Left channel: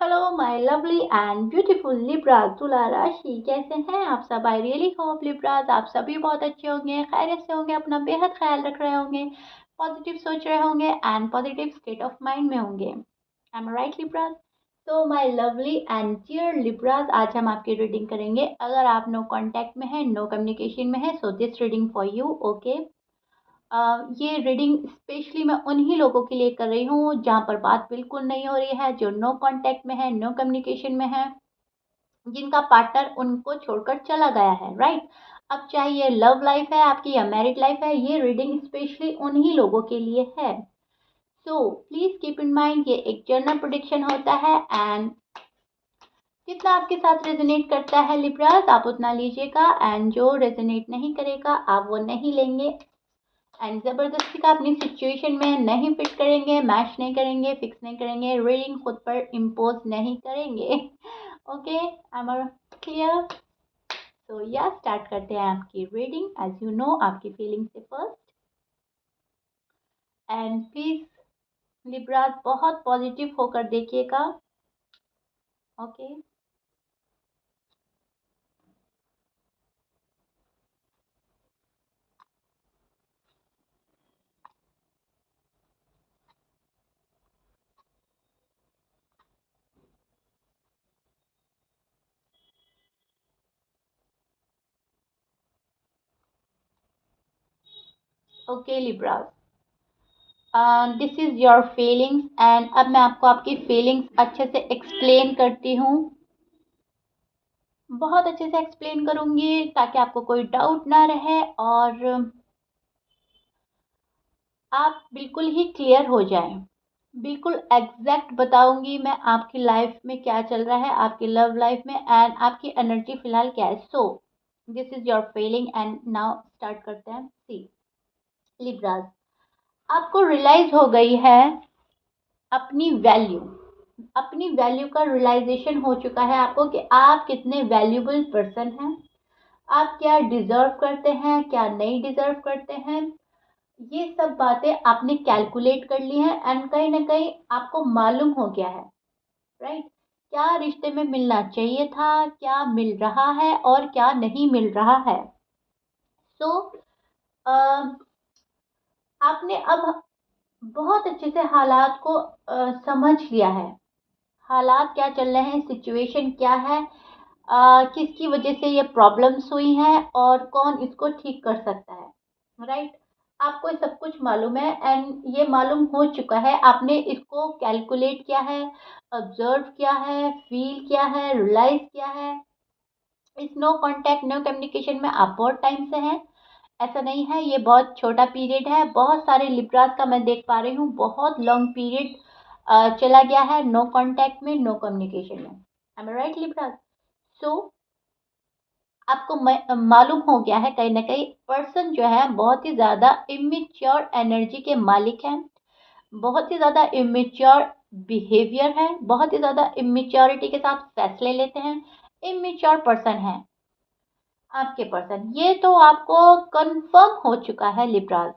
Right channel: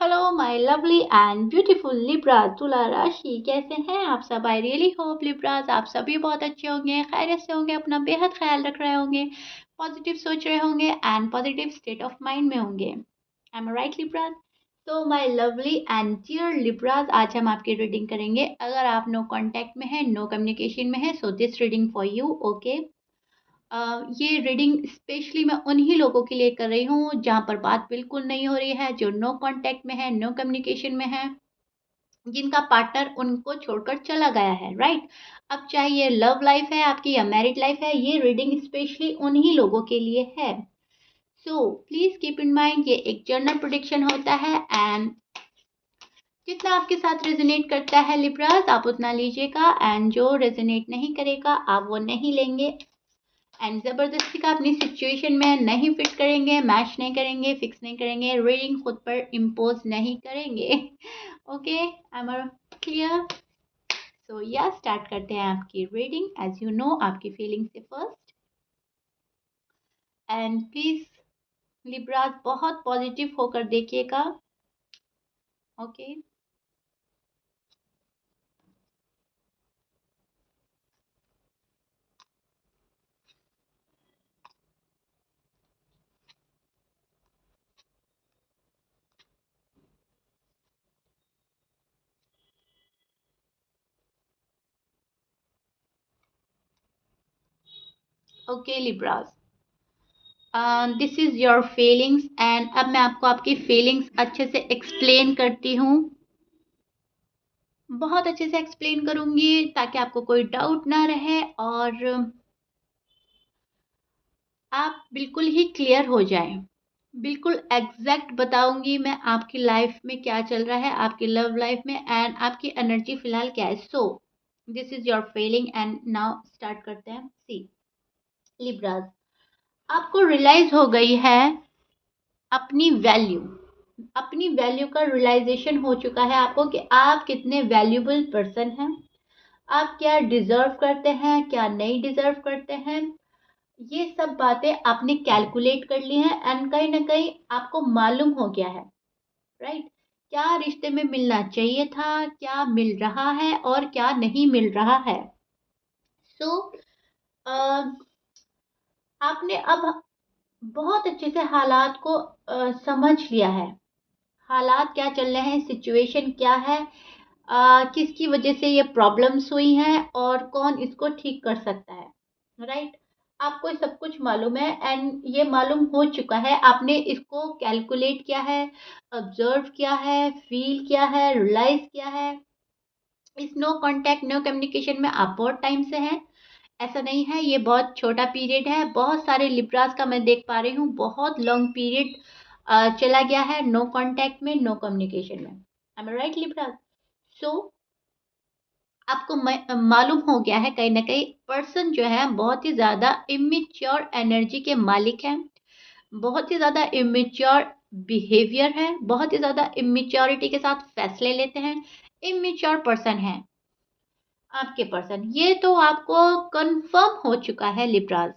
Hello my lovely and beautiful Libras तुला राशि, कैसे हैं आप सब? आई रियली होप लिब्रास आप सभी बहुत अच्छे होंगे, खैरियत से होंगे, अपना बेहद ख्याल रख रहे होंगे, पॉजिटिव सोच रहे होंगे and positive state of mind में होंगे। I am right Libras? तो my lovely and dear Libras, आज हम आपकी रीडिंग करेंगे। अगर आप नो कांटेक्ट में है, नो कम्युनिकेशन में है, so this reading for you. Okay, ये रीडिंग स्पेशली मैं उन्हीं लोगों के लिए कर रही हूँ जहाँ पर बात बिल्कुल नहीं हो रही है, जो नो कांटेक्ट में है, नो कम्युनिकेशन में है, जिनका पार्टनर उनको छोड़कर चला गया है, राइट? अब चाहे ये लव लाइफ है आपकी या मैरिड लाइफ है, ये रीडिंग स्पेशली उन्हीं लोगों के लिए है। So please keep in mind, ये एक जनरल प्रेडिक्शन होता है एंड जितना आपके साथ रेजोनेट करता है लिब्रास, आप उतना लीजिएगा एंड जो रेजोनेट नहीं करेगा आप वो नहीं लेंगे। एंड ज़बरदस्ती का अपनी सिचुएशन में नहीं फिट करेंगे, मैच नहीं करेंगे, फिक्स नहीं करेंगे, रीडिंग खुद पर इम्पोज नहीं करेंगे। Okay, I am clear? So yeah start करते हैं आपकी रीडिंग। एज यू नो, आपकी फीलिंग से फर्स्ट। एंड प्लीज लिब्रास बहुत पॉजिटिव होकर देखिएगा। Okay, okay Libras, this is your feelings and अब मैं आपको आपकी फीलिंग्स अच्छे से एक्सप्लेन करती हूँ। बहुत अच्छे से एक्सप्लेन करूँगी ताकि आपको कोई डाउट ना रहे और आप बिल्कुल ही क्लियर हो जाएं। बिल्कुल एग्जैक्ट बताऊंगी मैं आपकी लाइफ में क्या चल रहा है, आपकी लव लाइफ में एंड आपकी एनर्जी फिलहाल क्या है। So this is your feeling and now start करते हैं। सी लिब्रास, आपको रियलाइज हो गई है अपनी वैल्यू। अपनी वैल्यू का रियलाइजेशन हो चुका है आपको कि आप कितने वैल्यूबल पर्सन हैं, आप क्या डिजर्व करते हैं, क्या नहीं डिजर्व करते हैं। ये सब बातें आपने कैलकुलेट कर ली हैं एंड कहीं ना कहीं आपको मालूम हो गया है, राइट? क्या रिश्ते में मिलना चाहिए था, क्या मिल रहा है और क्या नहीं मिल रहा है। सो आपने अब बहुत अच्छे से हालात को समझ लिया है। हालात क्या चल रहे हैं, सिचुएशन क्या है, किसकी वजह से ये प्रॉब्लम्स हुई हैं और कौन इसको ठीक कर सकता है, राइट? आपको ये सब कुछ मालूम है एंड ये मालूम हो चुका है, आपने इसको कैलकुलेट किया है, ऑब्जर्व किया है, फील किया है, रियलाइज किया है। इस नो कांटेक्ट नो कम्युनिकेशन में आप बहुत टाइम से हैं, ऐसा नहीं है ये बहुत छोटा पीरियड है। बहुत सारे लिब्रास का मैं देख पा रही हूँ बहुत लॉन्ग पीरियड चला गया है नो कांटेक्ट में, नो कम्युनिकेशन में। I am right Libras? So आपको मालूम हो गया है कहीं ना कहीं पर्सन जो है बहुत ही ज़्यादा इमेच्योर एनर्जी के मालिक हैं, बहुत ही ज़्यादा इमेच्योर बिहेवियर है, बहुत ही ज़्यादा इमेच्योरिटी के साथ फैसले लेते हैं, इमेच्योर पर्सन है आपके पर्सन। ये तो आपको कंफर्म हो चुका है लिब्रास।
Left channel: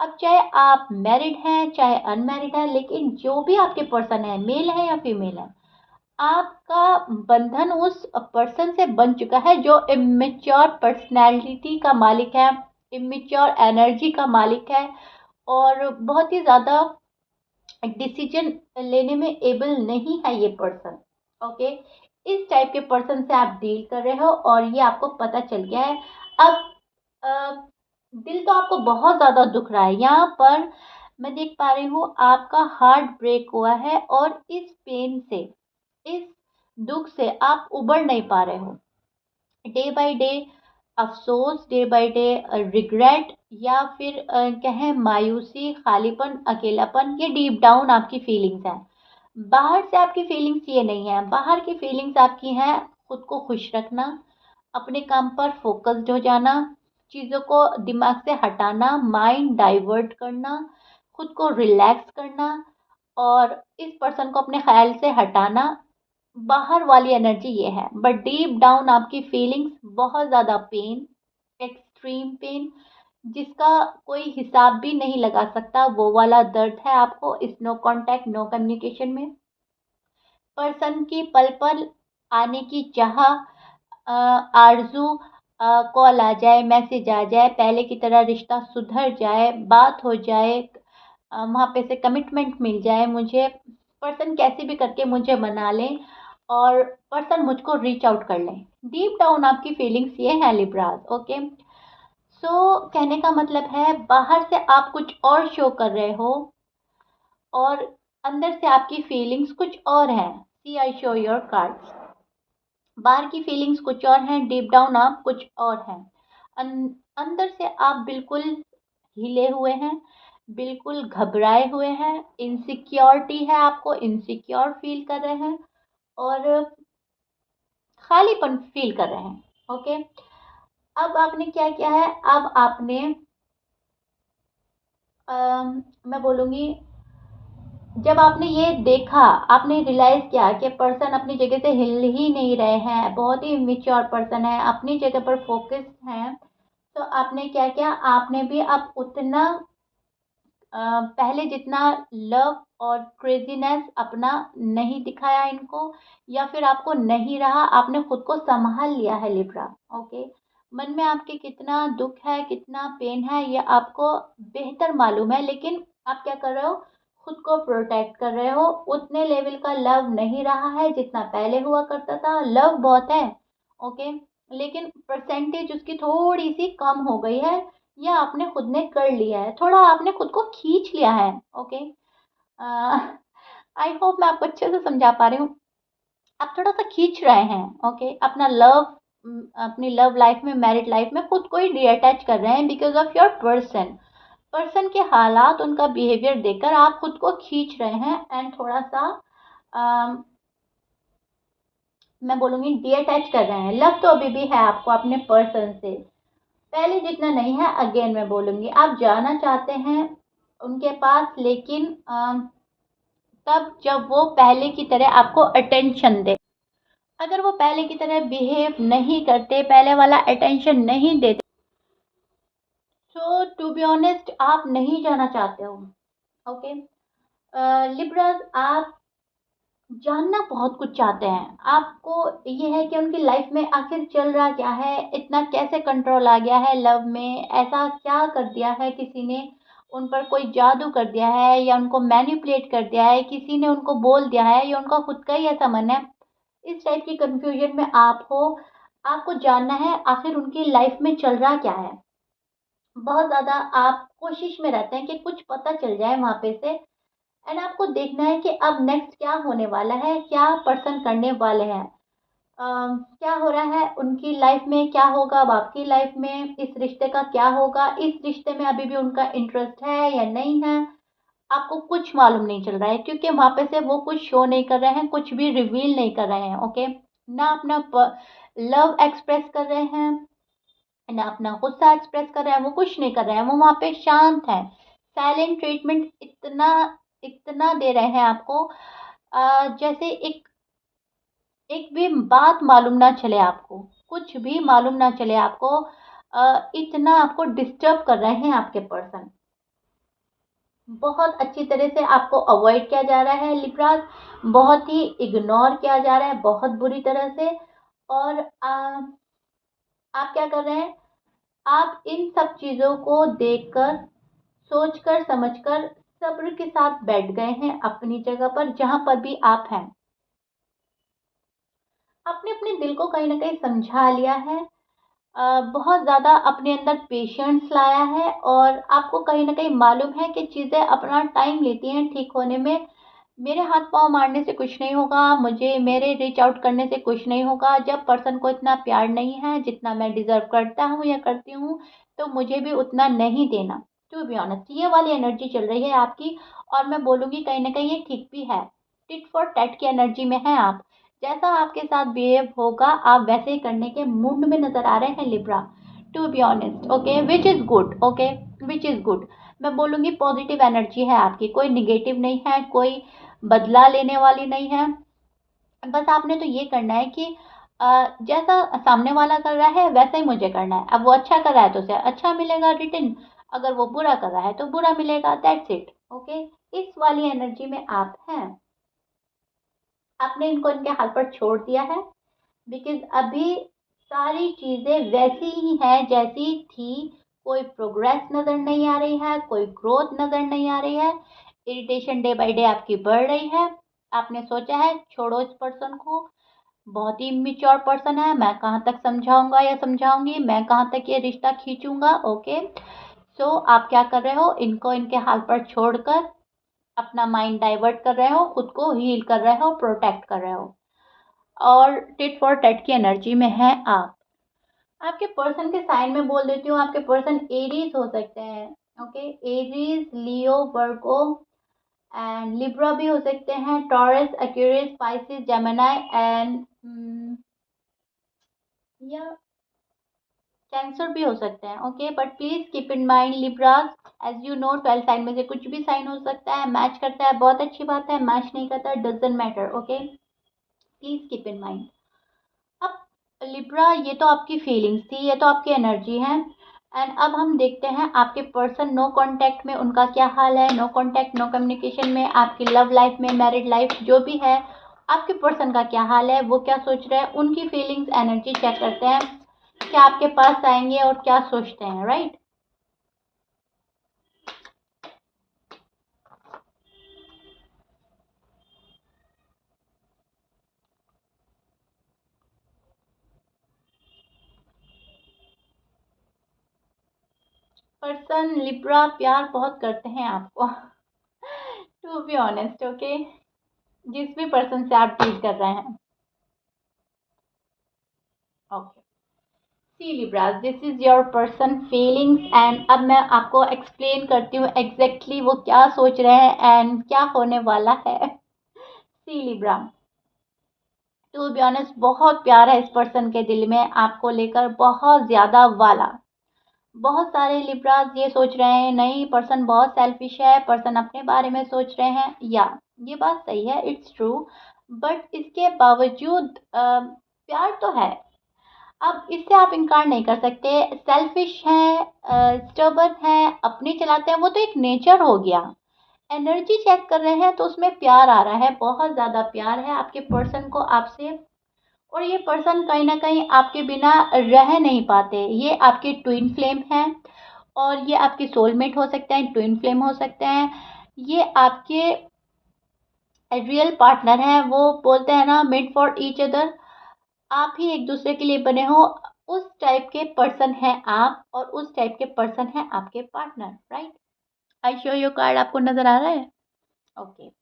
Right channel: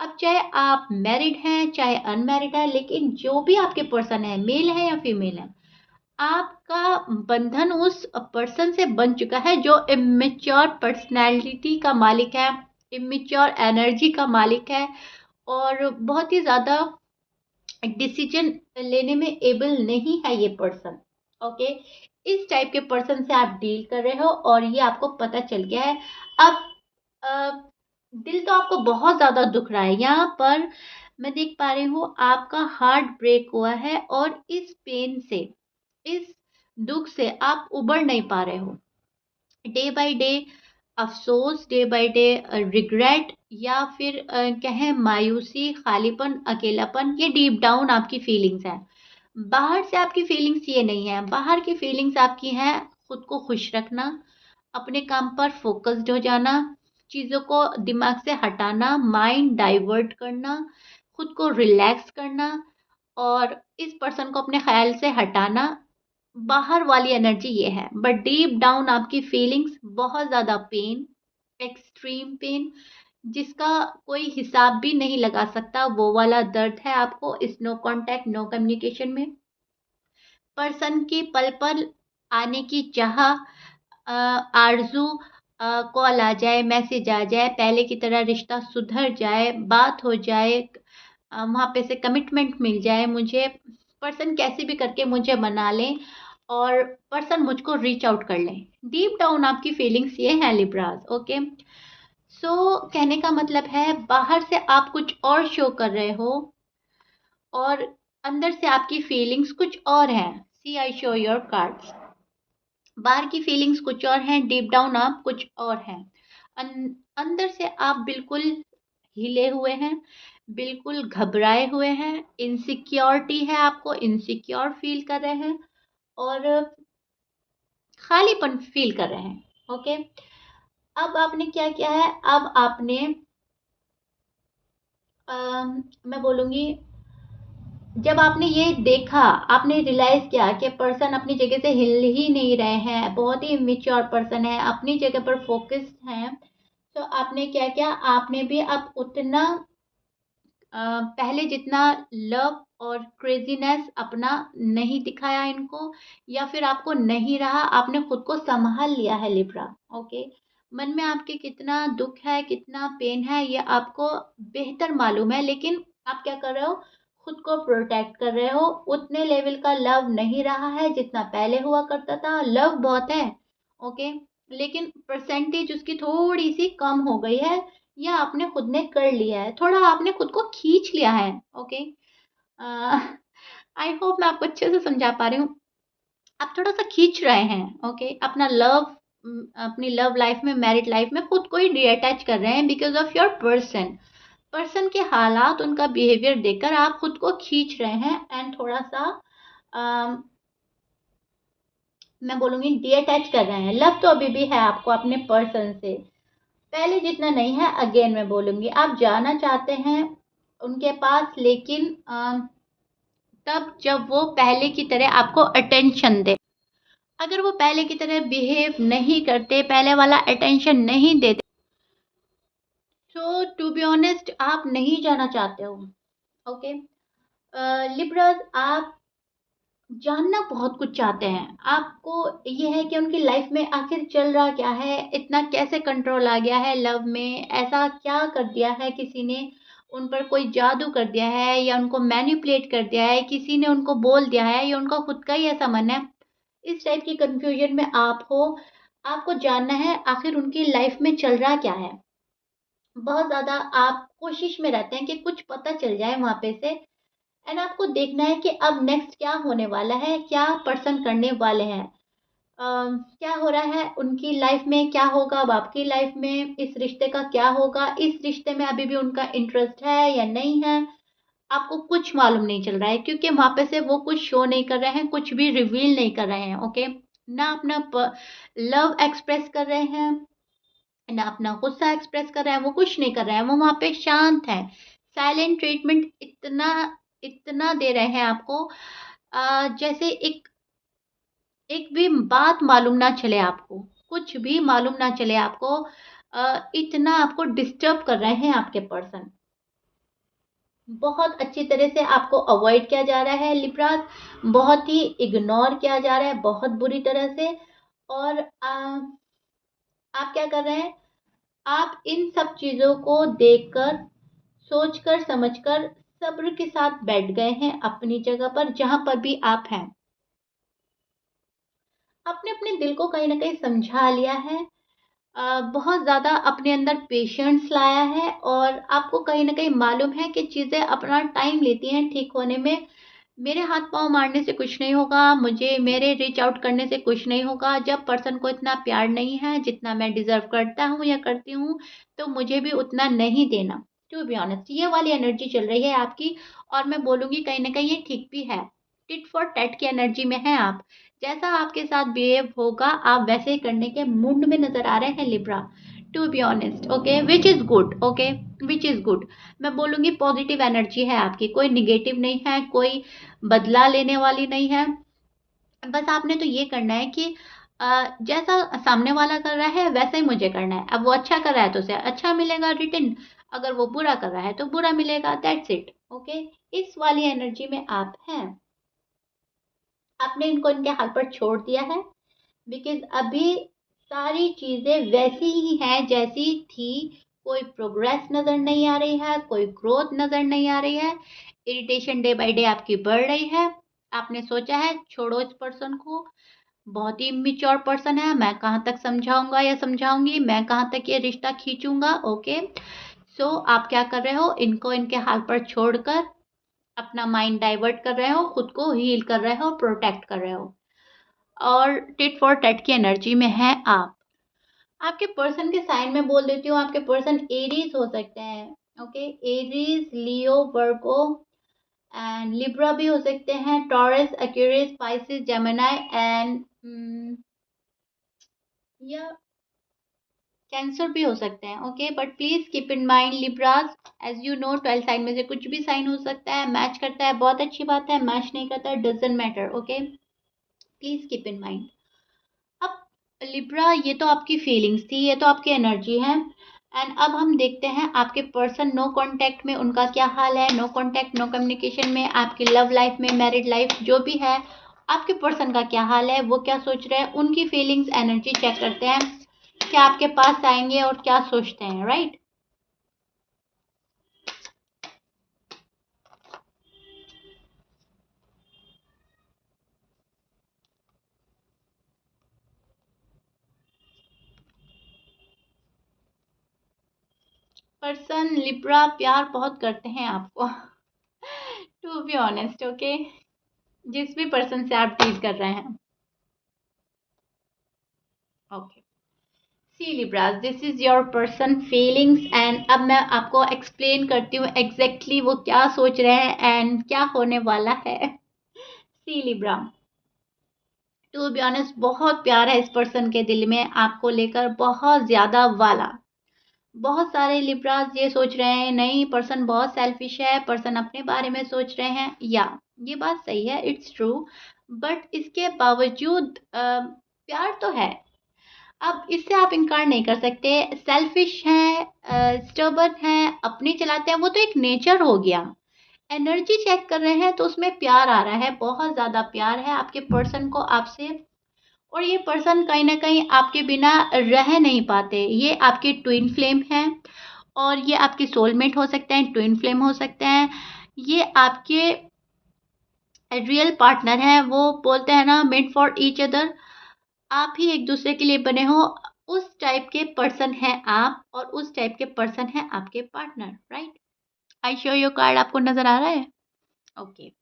अब चाहे आप मैरिड हैं चाहे अनमैरिड है, लेकिन जो भी आपके पर्सन है, मेल है या फीमेल है, आपका बंधन उस पर्सन से बन चुका है जो इमेच्योर पर्सनैलिटी का मालिक है, इमेच्योर एनर्जी का मालिक है और बहुत ही ज़्यादा डिसीजन लेने में एबल नहीं है ये पर्सन। ओके, इस टाइप के पर्सन से आप डील कर रहे हो और ये आपको पता चल गया है। अब अ, दिल तो आपको बहुत ज़्यादा दुख रहा है यहाँ पर। मैं देख पा रही हूँ आपका हार्ट ब्रेक हुआ है और इस पेन से, इस दुख से आप उबर नहीं पा रहे हो। डे बाय डे अफ़सोस, डे बाय डे रिग्रेट या फिर कहें मायूसी, खालीपन, अकेलापन, ये डीप डाउन आपकी फीलिंग्स हैं। बाहर से आपकी फीलिंग्स ये नहीं है, बाहर की फीलिंग्स आपकी हैं खुद को खुश रखना, अपने काम पर फोकस्ड हो जाना, चीज़ों को दिमाग से हटाना, माइंड डाइवर्ट करना, खुद को रिलैक्स करना और इस पर्सन को अपने ख्याल से हटाना। बाहर वाली एनर्जी ये है, बट डीप डाउन आपकी फीलिंग्स बहुत ज़्यादा पेन, एक्सट्रीम पेन, जिसका कोई हिसाब भी नहीं लगा सकता, वो वाला दर्द है आपको इस नो कांटेक्ट नो कम्युनिकेशन में। पर्सन की पल पल आने की चाह, आरज़ू, कॉल आ जाए, मैसेज आ जाए, पहले की तरह रिश्ता सुधर जाए, बात हो जाए, वहाँ पे से कमिटमेंट मिल जाए मुझे, पर्सन कैसे भी करके मुझे मना लें और पर्सन मुझको रीच आउट कर लें। डीप डाउन आपकी फीलिंग्स ये हैं लिब्रास, ओके? सो कहने का मतलब है बाहर से आप कुछ और शो कर रहे हो और अंदर से आपकी फीलिंग्स कुछ और हैं। सी आई शो योर कार्ड्स। बाहर की फीलिंग्स कुछ और हैं, डीप डाउन आप कुछ और हैं। अंदर से आप बिल्कुल हिले हुए हैं, बिल्कुल घबराए हुए हैं, इनसिक्योरिटी है, आपको इनसिक्योर फील कर रहे हैं और खालीपन फील कर रहे हैं, ओके? अब आपने क्या किया है, अब आपने मैं बोलूँगी, जब आपने ये देखा, आपने रियलाइज़ किया कि पर्सन अपनी जगह से हिल ही नहीं रहे हैं, बहुत ही मैच्योर पर्सन है, अपनी जगह पर फ़ोकस्ड हैं, तो आपने क्या किया, आपने भी अब उतना पहले जितना लव और क्रेज़ीनेस अपना नहीं दिखाया इनको, या फिर आपको नहीं रहा, आपने खुद को सँभाल लिया है लिब्रा, ओके? मन में आपके कितना दुःख है, कितना पेन है, ये आपको बेहतर मालूम है, लेकिन आप क्या कर रहे हो? खुद को प्रोटेक्ट कर रहे हो, उतने लेवल का लव नहीं रहा है जितना पहले हुआ करता था। लव बहुत है, ओके? लेकिन परसेंटेज उसकी थोड़ी-सी कम हो गई है, या आपने खुद ने कर लिया है, थोड़ा आपने खुद को खींच लिया है, ओके? आई होप मैं आपको अच्छे से समझा पा रही हूँ। आप थोड़ा-सा खींच रहे हैं, ओके? अपना अपनी लव लाइफ में, मैरिड लाइफ में खुद को ही डिअटैच कर रहे हैं because of your person. Person के हालात, उनका बिहेवियर देखकर आप खुद को खींच रहे हैं एंड थोड़ा-सा अ, मैं बोलूँगी डिअटैच कर रहे हैं। लव तो अभी भी है आपको अपने पर्सन से। पहले जितना नहीं है, अगेन मैं बोलूँगी, आप जाना चाहते हैं उनके पास, लेकिन तब जब वो पहले की तरह आपको अटेंशन दें। अगर वो पहले की तरह बिहेव नहीं करते, पहले वाला अटेंशन नहीं देते, तो टू बी ऑनेस्ट आप नहीं जाना चाहते हो, ओके? लिब्रास, आप जानना बहुत कुछ चाहते हैं। आपको ये है कि उनकी लाइफ में आखिर चल रहा क्या है? इतना कैसे कंट्रोल आ गया है लव में? ऐसा क्या कर दिया है किसी ने? उन पर कोई जादू कर दिया है या उनको मैनिपुलेट कर दिया है? किसी ने उनको बोल दिया है या उनका खुद का ही ऐसा मन है? इस टाइप की कन्फ्यूज़न में आप हो। आपको जानना है आखिर उनकी लाइफ में चल रहा क्या है? बहुत ज़्यादा आप कोशिश में रहते हैं कि कुछ पता चल जाए वहाँ पे से, एंड आपको देखना है कि अब नेक्स्ट क्या होने वाला है, क्या पर्सन करने वाले हैं। क्या हो रहा है उनकी लाइफ में, क्या होगा अब आपकी लाइफ में, इस रिश्ते का क्या होगा, इस रिश्ते में अभी भी उनका इंटरेस्ट है या नहीं है, आपको कुछ मालूम नहीं चल रहा है क्योंकि वहाँ पे से वो कुछ शो नहीं कर रहे हैं, कुछ भी रिवील नहीं कर रहे हैं, ओके? ना अपना लव एक्सप्रेस कर रहे हैं, ना अपना गुस्सा एक्सप्रेस कर रहे हैं, वो कुछ नहीं कर रहे हैं, वो वहाँ पे शांत हैं। साइलेंट ट्रीटमेंट इतना इतना दे रहे हैं आपको, जैसे एक एक भी बात मालूम ना चले आपको, कुछ भी मालूम ना चले आपको, इतना आपको डिस्टर्ब कर रहे हैं आपके पर्सन। बहुत अच्छी तरह से आपको अवॉइड किया जा रहा है लिब्रास, बहुत ही इग्नोर किया जा रहा है, बहुत बुरी तरह से। और आप क्या कर रहे हैं? आप इन सब चीज़ों को देखकर, सोचकर, समझकर, सब्र के साथ बैठ गए हैं अपनी जगह पर, जहाँ पर भी आप हैं। आपने अपने दिल को कहीं न कहीं समझा लिया है, बहुत ज़्यादा अपने अंदर पेशेंस लाया है और आपको कहीं न कहीं मालूम है कि चीज़ें अपना टाइम लेती हैं ठीक होने में। मेरे हाथ-पाँव मारने से कुछ नहीं होगा, मुझे मेरे रीच आउट करने से कुछ नहीं होगा। जब पर्सन को इतना प्यार नहीं है जितना मैं डिज़र्व करता हूँ या करती हूँ, तो मुझे भी उतना नहीं देना। टू बी ऑनेस्ट ये वाली एनर्जी चल रही है आपकी, और मैं बोलूँगी कहीं न कहीं ये ठीक भी है। टिट फॉर टैट की एनर्जी में हैं आप। जैसा आपके साथ बिहेव होगा, आप वैसे ही करने के मूड में नज़र आ रहे हैं Libra. To be honest, okay, which is good, okay, which is good. मैं बोलूँगी पॉजिटिव एनर्जी है आपकी, कोई नेगेटिव नहीं है, कोई बदला लेने वाली नहीं है। बस आपने तो ये करना है कि जैसा सामने वाला कर रहा है वैसा ही मुझे करना है। अब वो अच्छा कर रहा है तो उसे अच्छा मिलेगा रिटर्न, अगर वो बुरा कर रहा है तो बुरा मिलेगा, दैट्स इट, ओके? इस वाली एनर्जी में आप हैं। आपने इनको इनके हाल पर छोड़ दिया है, बिकॉज़ अभी सारी चीज़ें वैसी ही हैं जैसी थी, कोई प्रोग्रेस नज़र नहीं आ रही है, कोई ग्रोथ नज़र नहीं आ रही है, इरिटेशन डे बाय डे आपकी बढ़ रही है। आपने सोचा है छोड़ो इस पर्सन को, बहुत ही इमैच्योर पर्सन है, मैं कहाँ तक समझाऊँगा या समझाऊँगी, मैं कहाँ तक ये रिश्ता खींचूँगा, ओके। सो आप क्या कर रहे हो, इनको इनके हाल पर छोड़कर अपना माइंड डाइवर्ट कर रहे हो, खुद को हील कर रहे हो, प्रोटेक्ट कर रहे हो और टिट फॉर टैट की एनर्जी में हैं आप। आपके पर्सन के साइन में बोल देती हूँ, आपके पर्सन एरीज़ हो सकते हैं, okay? Aries, Leo, Virgo and Libra भी हो सकते हैं, Taurus, Aquarius, Pisces, Gemini and या कैंसर भी हो सकते हैं, okay? But please keep in mind Libras, as you know 12 sign में से कुछ भी साइन हो सकता है, मैच करता है बहुत अच्छी बात है, मैच नहीं करता है doesn't matter, okay? Please keep in mind. अब लिब्रा ये तो आपकी फीलिंग्स थी, ये तो आपकी एनर्जी है एंड अब हम देखते हैं आपके पर्सन नो कांटेक्ट में उनका क्या हाल है, नो कांटेक्ट, नो कम्युनिकेशन में, आपकी लव लाइफ में, मैरिड लाइफ जो भी है, आपके पर्सन का क्या हाल है, वो क्या सोच रहे हैं, उनकी फीलिंग्स, एनर्जी चेक करते हैं, क्या आपके पास आएँगे और क्या सोचते हैं, राइट? पर्सन लिब्रा प्यार बहुत करते हैं आपको टू बी ऑनेस्ट, ओके? जिस भी पर्सन से आप डील कर रहे हैं, okay. See Libras, this is your person feelings and अब मैं आपको एक्सप्लेन करती हूँ एग्जैक्टली वो क्या सोच रहे हैं एंड क्या होने वाला है। सी लिब्रा, टू बी ऑनेस्ट बहुत प्यार है इस पर्सन के दिल में आपको लेकर, बहुत ज़्यादा वाला। बहुत सारे लिब्रास ये सोच रहे हैं नहीं पर्सन बहुत सेल्फिश है, पर्सन अपने बारे में सोच रहे हैं, या ये बात सही है, इट्स ट्रू। बट इसके बावजूद प्यार तो है। अब इससे आप इनकार नहीं कर सकते, सेल्फिश हैं, स्टबर्न हैं, अपनी चलाते हैं, वो तो एक नेचर हो गया। एनर्जी चेक कर रहे हैं तो उसमें प्यार आ रहा है, बहुत ज़्यादा प्यार है आपके पर्सन को आपसे और ये पर्सन कहीं न कहीं आपके बिना रह नहीं पाते। ये आपके ट्विन फ्लेम हैं और ये आपके सोलमेट हो सकते हैं, ट्विन फ्लेम हो सकते हैं। ये आपके रियल पार्टनर हैं, वो बोलते हैं ना मेड फॉर ईच अदर, आप ही एक दूसरे के लिए बने हो, उस टाइप के पर्सन हैं आप और उस टाइप के पर्सन हैं आपके partner, right? I show you card आपको नज़र आ रहा है? ओके।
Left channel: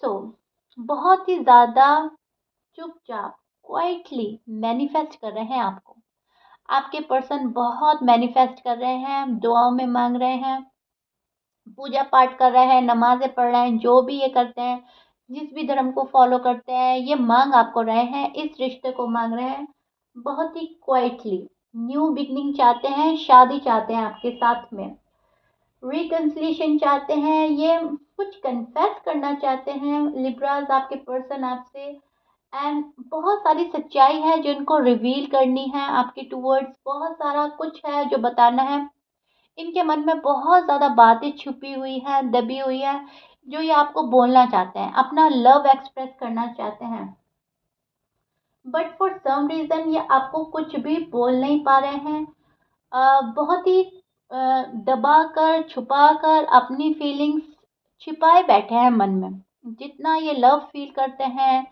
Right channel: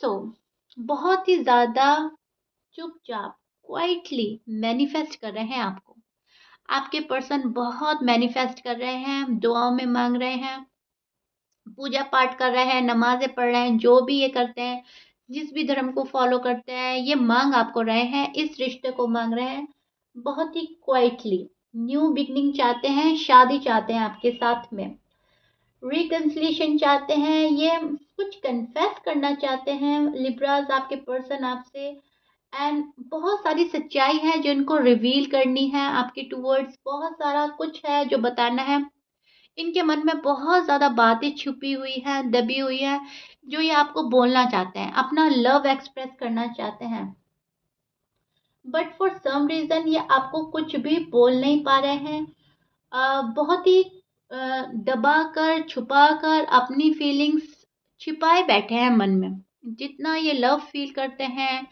सो बहुत ही ज़्यादा चुपचाप क्वाइटली मैनिफेस्ट कर रहे हैं आपको। आपके पर्सन बहुत मैनिफेस्ट कर रहे हैं, दुआओं में माँग रहे हैं, पूजा पाठ कर रहे हैं, नमाज़ें पढ़ रहे हैं, जो भी ये करते हैं, जिस भी धर्म को फ़ॉलो करते हैं, ये माँग आपको रहे हैं, इस रिश्ते को माँग रहे हैं, बहुत ही क्वाइटली। न्यू बिगिनिंग चाहते हैं, शादी चाहते हैं आपके साथ में, रिकन्सिलिएशन चाहते हैं, ये कुछ कन्फेस करना चाहते हैं लिब्रास आपके पर्सन आपसे एंड बहुत सारी सच्चाई है जो इनको रिवील करनी है आपके टूवर्ड्स, बहुत सारा कुछ है जो बताना है। इनके मन में बहुत ज़्यादा बातें छुपी हुई हैं, दबी हुई हैं, जो ये आपको बोलना चाहते हैं, अपना लव एक्सप्रेस करना चाहते हैं। बट फॉर सम रीज़न ये आपको कुछ भी बोल नहीं पा रहे हैं। बहुत ही दबा कर, छुपा कर अपनी फीलिंग्स छिपाए बैठे हैं मन में। जितना ये लव फ़ील करते हैं,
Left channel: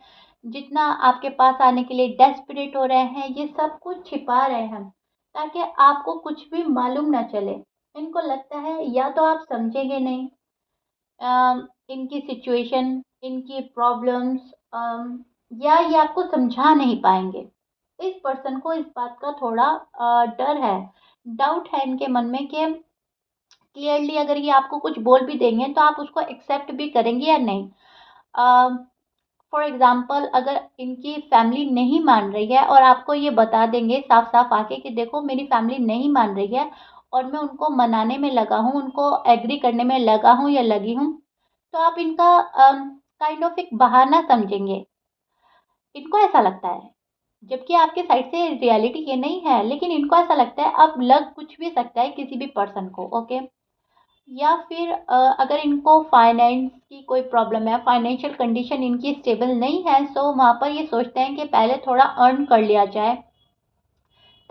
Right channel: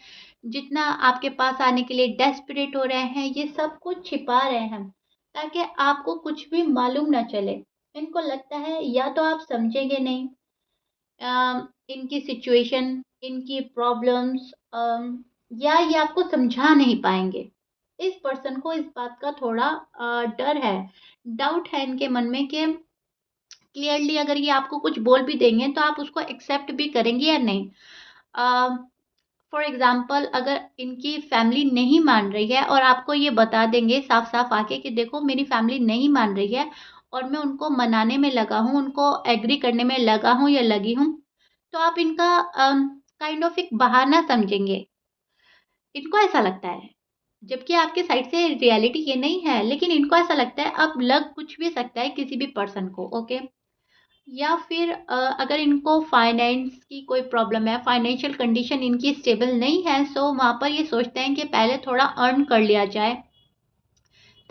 जितना आपके पास आने के लिए डेस्परेट हो रहे हैं, ये सब कुछ छिपा रहे हैं, ताकि आपको कुछ भी मालूम ना चले। इनको लगता है या तो आप समझेंगे नहीं इनकी सिचुएशन, इनकी प्रॉब्लम्स, या ये आपको समझा नहीं पाएँगे। इस पर्सन को इस बात का थोड़ा डर है, डाउट है इनके मन में कि क्लियरली अगर ये आपको कुछ बोल भी देंगे तो आप उसको एक्सेप्ट भी करेंगे या नहीं। फॉर एग्ज़ाम्पल अगर इनकी फैमिली नहीं मान रही है और आपको ये बता देंगे साफ-साफ आके कि देखो मेरी फैमिली नहीं मान रही है और मैं उनको मनाने में लगा हूँ, उनको एग्री करने में लगा हूँ या लगी हूँ, तो आप इनका काइंड ऑफ एक बहाना समझेंगे। इनको ऐसा लगता है। जबकि आपके साइड से रियलिटी ये नहीं है, लेकिन इनको ऐसा लगता है अब लग कुछ भी सकता है किसी भी पर्सन को, ओके? या फिर अगर इनको फाइनेंस की कोई प्रॉब्लम है, फाइनेंशियल कंडीशन इनकी स्टेबल नहीं है, सो वहाँ पर ये सोचते हैं कि पहले थोड़ा अर्न कर लिया जाए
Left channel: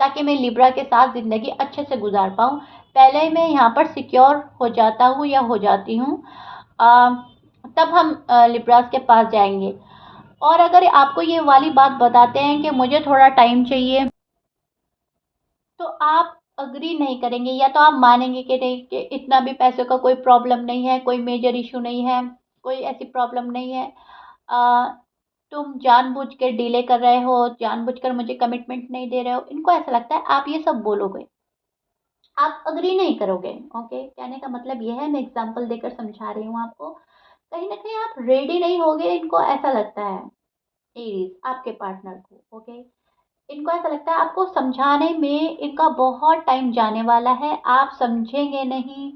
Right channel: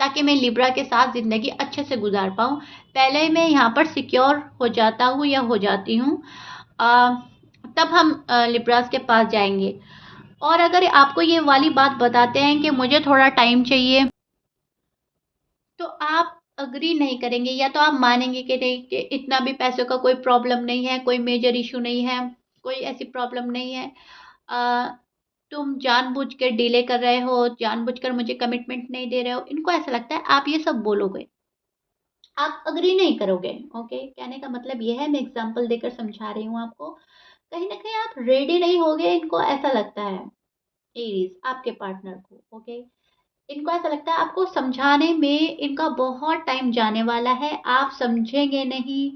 ताकि मैं लिब्रा के साथ ज़िंदगी अच्छे से गुजार पाऊँ। पहले मैं यहाँ पर सिक्योर हो जाता हूँ या हो जाती हूँ, अ, तब हम लिब्रास के पास जाएंगे। और अगर आपको ये वाली बात बताते हैं कि मुझे थोड़ा टाइम चाहिए, तो आप अग्री नहीं करेंगे, या तो आप मानेंगे कि नहीं, कि इतना भी पैसों का कोई प्रॉब्लम नहीं है, कोई मेजर इशू नहीं है, कोई ऐसी प्रॉब्लम नहीं है। अ, तुम जानबूझ के डिले कर रहे हो, जानबूझकर मुझे कमिटमेंट नहीं दे रहे हो। इनको ऐसा लगता है आप ये सब बोलोगे, आप अग्री नहीं करोगे। ओके, कहने का मतलब ये है, मैं एग्जांपल देकर समझा रही हूँ आपको। कहीं ना कहीं आप रेडी नहीं होगे, इनको ऐसा लगता है, एरीज आपके पार्टनर को। ओके, इनको ऐसा लगता है आपको समझाने में इनका बहुत टाइम जाने वाला है, आप समझेंगे नहीं,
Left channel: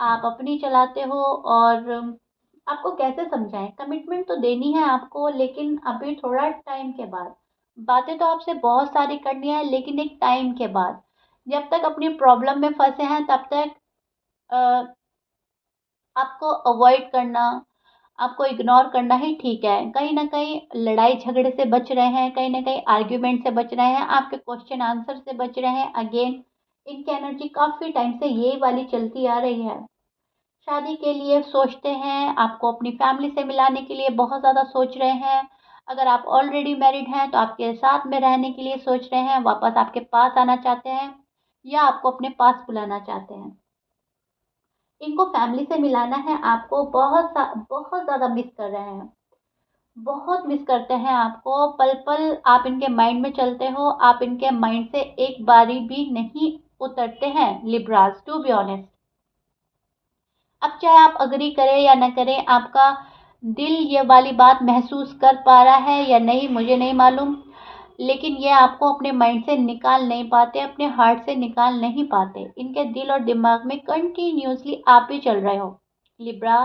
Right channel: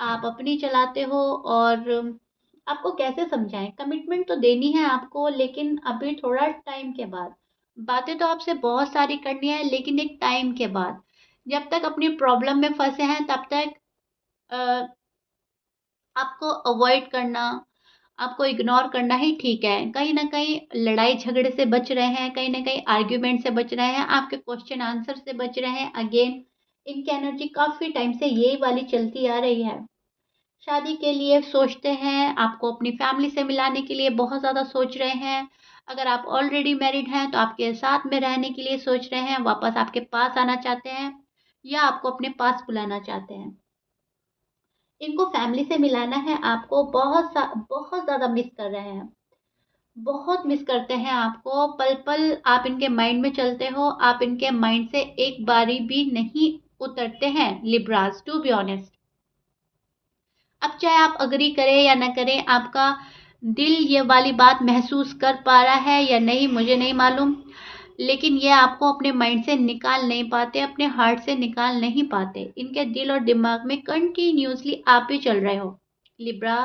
आप अपनी चलाते हो। और आपको कैसे समझाएं, कमिटमेंट तो देनी है आपको, लेकिन अभी थोड़ा टाइम के बाद। बातें तो आपसे बहुत सारी करनी है, लेकिन एक टाइम के बाद। जब तक अपनी प्रॉब्लम में फंसे हैं तब तक अ, आपको अवॉइड करना, आपको इग्नोर करना ही ठीक है। कहीं न कहीं लड़ाई झगड़े से बच रहे हैं, कहीं न कहीं आर्ग्यूमेंट से बच रहे हैं, आपके क्वेश्चन आंसर से बच रहे हैं। अगेन, इनकी एनर्जी काफ़ी टाइम से ये वाली चलती आ रही है। शादी के लिए सोचते हैं, आपको अपनी फैमिली से मिलाने के लिए बहुत ज़्यादा सोच रहे हैं। अगर आप ऑलरेडी मैरिड हैं, तो आपके साथ में रहने के लिए सोच रहे हैं, वापस आपके पास आना चाहते हैं, या आपको अपने पास बुलाना चाहते हैं। इनको फैमिली से मिलाना है, आपको बहुत ज़्यादा मिस कर रहे हैं, बहुत मिस करते हैं आपको। पल-पल आप इनके माइंड में चलते हो, आप इनके माइंड से एक बारी भी नहीं उतरते हैं लिब्रास, टू बी ऑनेस्ट। अब चाहे आप एग्री करें या ना करें, आपका दिल ये वाली बात महसूस कर पा रहा है या नहीं मुझे नहीं मालूम, लेकिन ये आपको अपने माइंड से निकाल नहीं पाते, अपने हार्ट से निकाल नहीं पाते। इनके दिल और दिमाग में कंटिन्यूअसली आप ही चल रहे हो। लिब्रा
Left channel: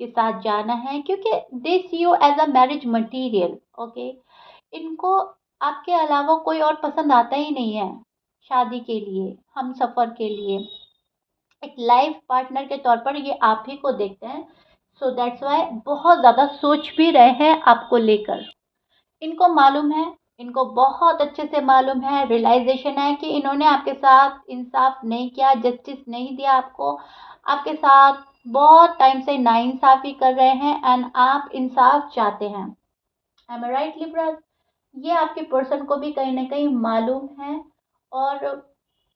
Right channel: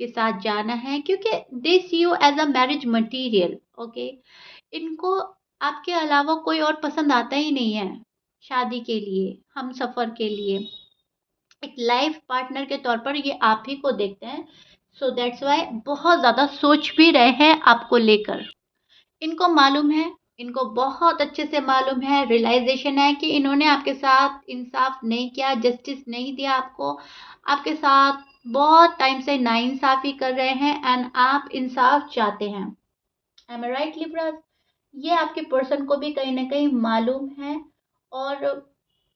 के साथ जाना है क्योंकि they see you as a marriage material. Okay, इनको आपके अलावा कोई और पसंद आता ही नहीं है शादी के लिए, हम सफ़र के लिए। एक लाइफ पार्टनर के तौर पर ये आप ही को देखते हैं। सो दैट्स वाई बहुत ज़्यादा सोच भी रहे हैं आपको लेकर। इनको मालूम है, इनको बहुत अच्छे से मालूम है, रियलाइजेशन है कि इन्होंने आपके साथ इंसाफ नहीं किया, जस्टिस नहीं दिया आपको। आपके साथ बहुत टाइम से नाइंसाफ़ी कर रहे हैं, एंड आप इंसाफ चाहते हैं। एम आई राइट लिब्रा? ये आपके पर्सन को भी कहीं न कहीं मालूम है, और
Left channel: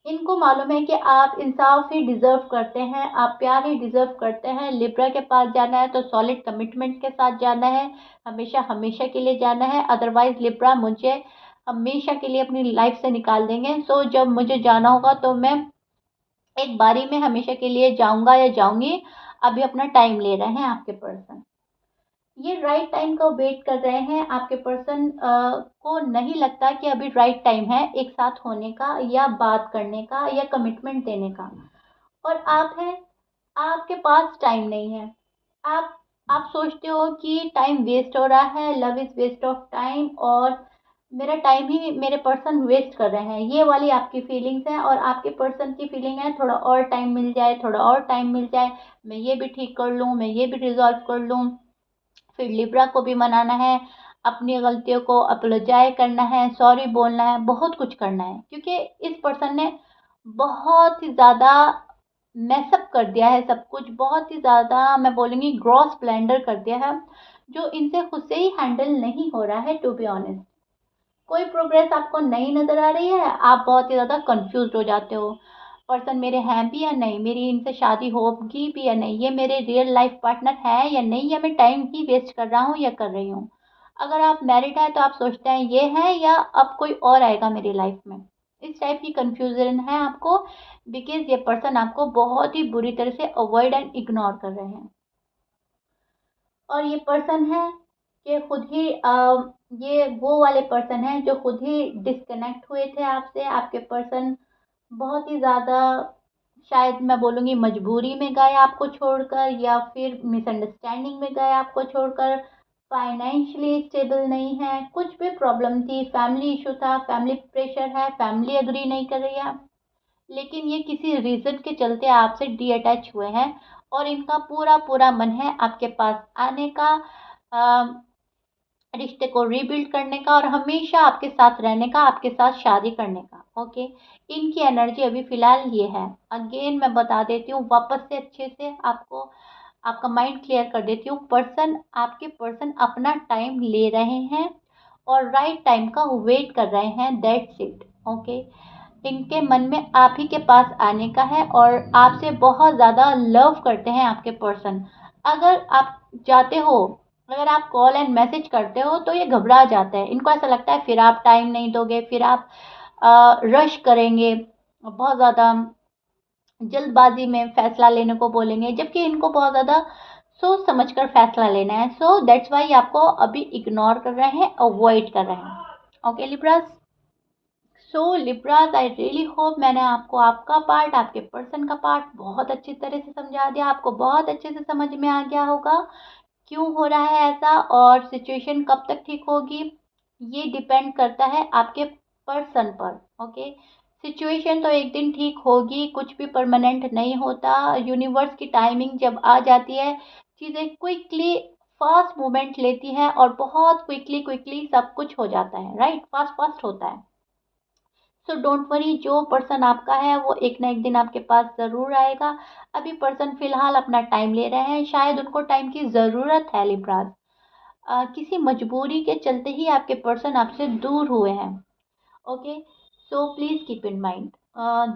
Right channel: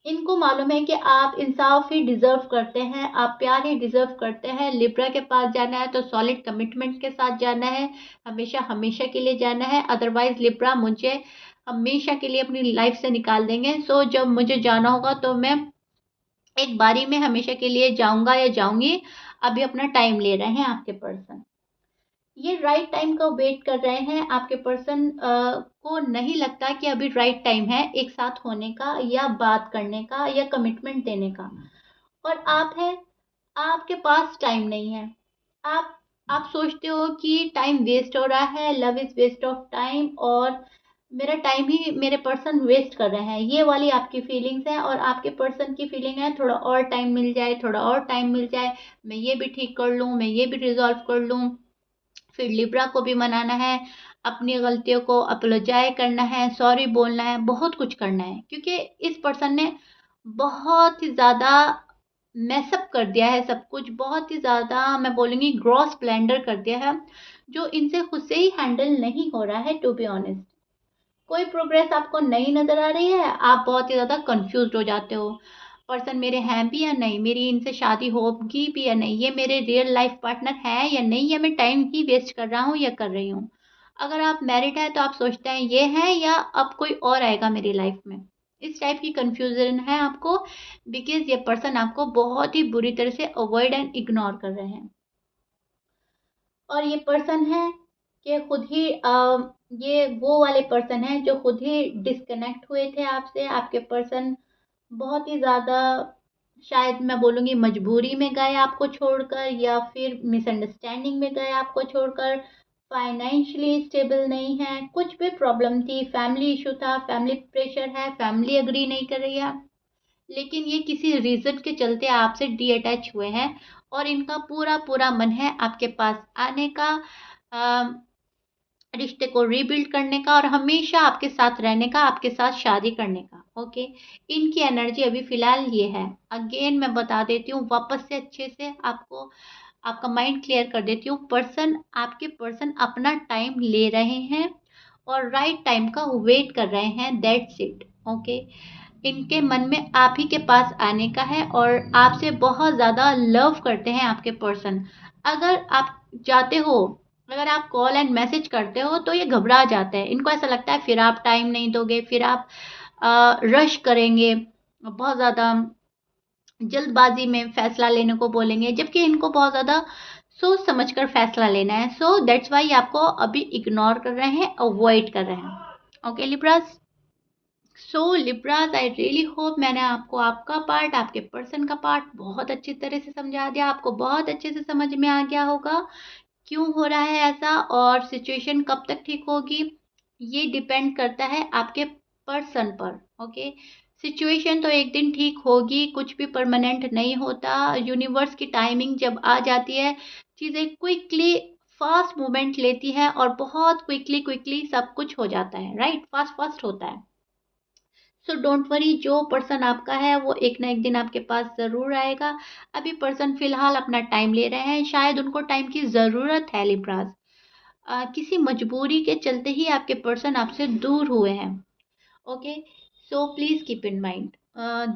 इनको मालूम है कि आप इंसाफ ही डिज़र्व करते हैं, आप प्यार ही डिज़र्व करते हैं। लिब्रा के पास जाना है तो सॉलिड कमिटमेंट के साथ जाना है, हमेशा के लिए जाना है। अदरवाइज़ लिब्रा मुझे हमेशा के लिए अपनी लाइफ़ से निकाल देंगे। सो जब मुझे जाना होगा तो मैं एक बारी में हमेशा के लिए जाऊँगा या जाऊँगी। अभी अपना टाइम ले रहे हैं आपके पर्सन। ये राइट टाइम का वेट कर रहे हैं। आपके पर्सन को नहीं लगता कि अभी राइट टाइम है एक साथ होने का, या बात करने का, या कमिटमेंट देने का। और आप हैं, आपके पास टाइम नहीं है। आप आप सोचते हो कि टाइम वेस्ट हो रहा है, love is waste of time, और मेरा टाइम ही मेरे पर्सन वेस्ट कर रहे हैं, ये वाली आपकी फीलिंग्स हैं। और आपके पर्सन की फीलिंग है थोड़ा और टाइम मिल जाए, थोड़ा और टाइम मिल जाए, मैं ये भी ठीक कर लूँ, मैं ये भी रिज़ॉल्व कर लूँ। फिर लिब्रा को भी मनाना है, अपनी गलतियों को अपोलोजाइज़ करना है, सॉरी बोलना है, बहुत कुछ करना है, क्योंकि इस पर्सन ने बहुत ही ज़्यादा मैसअप कर दिया है सब कुछ, बहुत ही ज़्यादा मैं बोलूँगी ग्रॉस ब्लेंडर कर दिया है, जो इनसे खुद से ही हैंडल नहीं हो रहा है, टू बी ऑनेस्ट। कोई प्रोग्रेस आपको नहीं नज़र आ रही है, आप बहुत ही ज़्यादा कन्फ्यूज़्ड हो जाते हो। पर्सन मेरे हैं भी या नहीं, मेरी इनसे शादी होगी भी या नहीं, ये मेरे रियल लाइफ़ पार्टनर हैं या नहीं, या मैं टाइम ही वेस्ट कर रहा हूँ या कर रही हूँ। अगर आप मैरिड हैं तो आप सोचते हैं ये है, या अब कोई और आएगा मेरी लाइफ़ में। इस टाइप की कन्फ्यूज़न है आपको, बिकॉज़ ये पर्सन आपको बहुत ही बुरी तरह से अवॉइड एंड इग्नोर कर रहे हैं। और ये पर्सन है कि खुद ही ये वो वाले पर्सन हैं जो खुद ही डिस्कनेक्ट हुए थे आपसे। आपके पर्सन बहुत ही ज़्यादा, शायद मैं बोलूँगी मजबूरी में गए आपको छोड़कर, या फिर मिसअंडरस्टैंडिंग में गए आपको छोड़कर। फाइनेंशियली स्टेबल नहीं है, कुछ भी प्रॉब्लम थी, फैमिली इशू था, फैमिली प्रेशर है, फैमिली एग्री नहीं कर रही है, लेकिन ये किसी रीज़न के चलते आपसे डी-अटैच हुए हैं और इनका पूरा मन है आपके पास आने का, अ, रिश्ते को रीबिल्ड करने का और हमेशा आपके साथ रहने का, आपके साथ शादी करने का, ओके? इनकी एनर्जी अभी फ़िलहाल ये है। अगेन मैं बता देती हूँ वापस से अच्छे से आपको, आपका माइंड क्लियर कर देती हूँ। आपके पर्सन अपना टाइम ले रहे हैं और राइट टाइम का वेट कर रहे हैं, दैट्स इट, ओके? इनके मन में आप ही के पास आने का है और आपसे बहुत ज़्यादा लव करते हैं आपके पर्सन। अगर आप चाहते हो, अगर आप कॉल एंड मैसेज करते हो तो ये घबरा जाते हैं। इनको ऐसा लगता है फिर आप टाइम नहीं दोगे, फिर आप रश करेंगे, बहुत ज़्यादा जल्दबाज़ी में फ़ैसला लेने को बोलेंगे, जबकि इनको बहुत ज़्यादा सोच समझ कर फ़ैसला लेना है। सो दैट्स व्हाई आपको अभी इग्नोर कर रहे हैं, अवॉइड कर रहे हैं। Okay Libras? So Libras, I really hope मैंने आपको आपका पार्ट, आपके पर्सन का पार्ट बहुत अच्छी तरह से समझा दिया। आपको बहुत अच्छे से समझ में आ गया होगा क्यों हो रहा है ऐसा और सिचुएशन कब तक ठीक होगी। ये डिपेंड करता है आपके पर्सन पर, ओके? सिचुएशन तो एक दिन ठीक होगी, कुछ भी परमानेंट नहीं होता। यूनिवर्स की टाइमिंग जब आ जाती है, चीज़ें क्विकली फास्ट मूवमेंट लेती है और बहुत क्विकली क्विकली सब कुछ हो जाता है, राइट? फास्ट फास्ट होता है। सो डोंट वरी, जो पर्सन आपका है वो एक ना एक दिन आपके पास ज़रूर आएगा। अभी पर्सन फ़िलहाल अपना टाइम ले रहे हैं, शायद उनको टाइम की ज़रूरत है लिब्रास। किसी मजबूरी के चलते ही आपके पर्सन आपसे दूर हुए हैं, okay? So please keep in mind,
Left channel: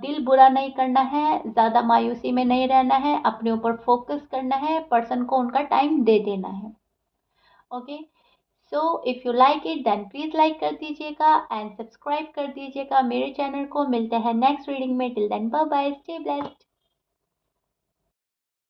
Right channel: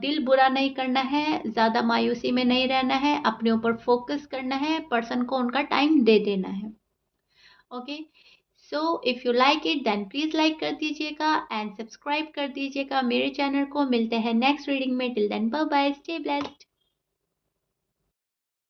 दिल बुरा नहीं करना है, ज़्यादा मायूसी में नहीं रहना है, अपने ऊपर फोकस करना है, पर्सन को उनका टाइम दे देना है, okay? So if you like it then please like कर दीजिएगा एंड सब्सक्राइब कर दीजिएगा मेरे चैनल को। मिलते हैं नेक्स्ट रीडिंग में, till then bye bye, stay blessed.